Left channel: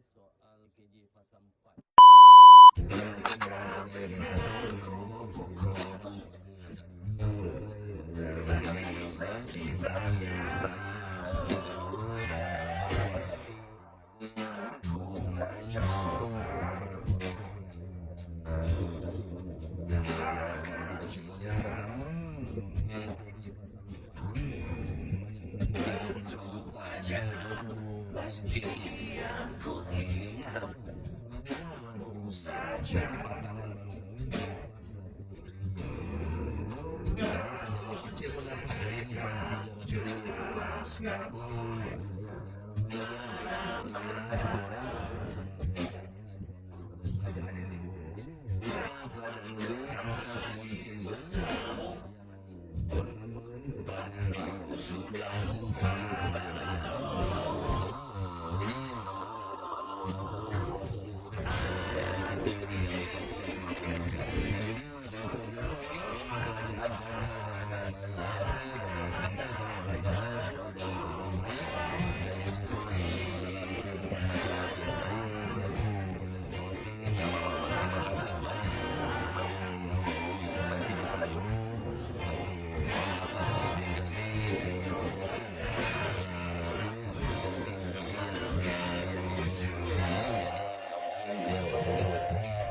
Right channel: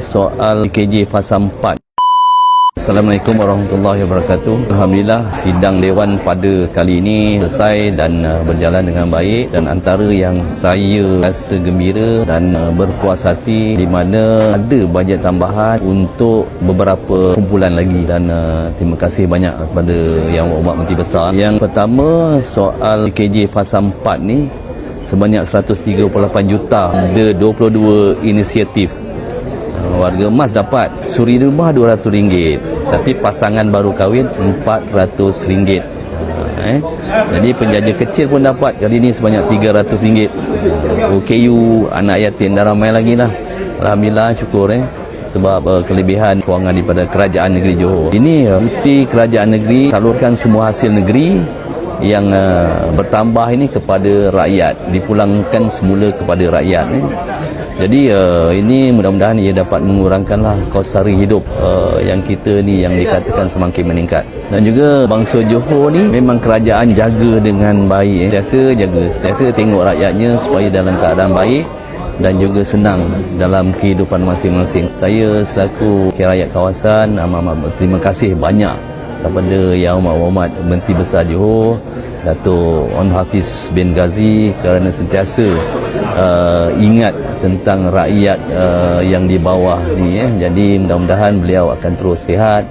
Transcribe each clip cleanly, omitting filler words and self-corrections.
Soal KJ Fasa 4. Assalamualaikum warahmatullahi wabarakatuh. Alhamdulillah sidang Dewan pada kali ini selesai dan berjalan dengan baik, dan antara yang saya rasa gembira dan berpuas hati di mana ada bajet tambahan untuk beberapa kumpulan lagi, dan terima kasih banyak kepada Yang Berhormat Menteri Besar. Yang pertama, soal KJ Fasa 4 ni sebanyak 138 juta, ada 22 inisiatif. Warga emas dapat, suri rumah RM200, tapi pasangan baru kahwin RM400. Jadi penjaja kecil pun dapat kali ini sebanyak RM300. OKU, anak yatim dan ramai lagi lah. Alhamdulillah, syukur sebab kelebihan kewangan daripada Kerajaan Negeri Johor. Ini bukti Kerajaan Negeri salurkan semua hasil negeri yang bertambah ini kepada rakyat, dipulangkan semula kepada rakyat. Jadi ini mudah-mudahan ia dapat mengurangkanlah kos sara hidup yang kita ni yang dikatakan semakin meningkat. Dan juga bangsa Johor ni memang kerajaan jaga dengan baik. Sentiasa tengok rakyatnya supaya dalam keadaan baik dan juga senang dalam kehidupan masing-masing. Saya selaku wakil rakyat kawasan amat berterima kasih banyak kepada Yang Berhormat Menteri Besar Johor, Dato' On Hafiz bin Ghazi, kerana sentiasa ingat tentang rakyat yang di bawah ni. Jadi mudah-mudahan beliau akan terus sihat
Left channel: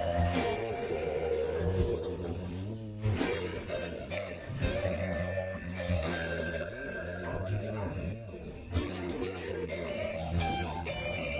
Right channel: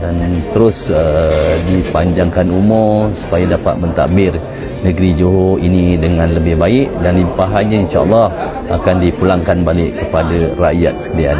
dan terus dipanjangkan umur supaya dapat mentadbir negeri Johor ini dengan lebih baik, dan limpahannya insya-Allah akan dipulangkan balik kepada rakyat sekalian.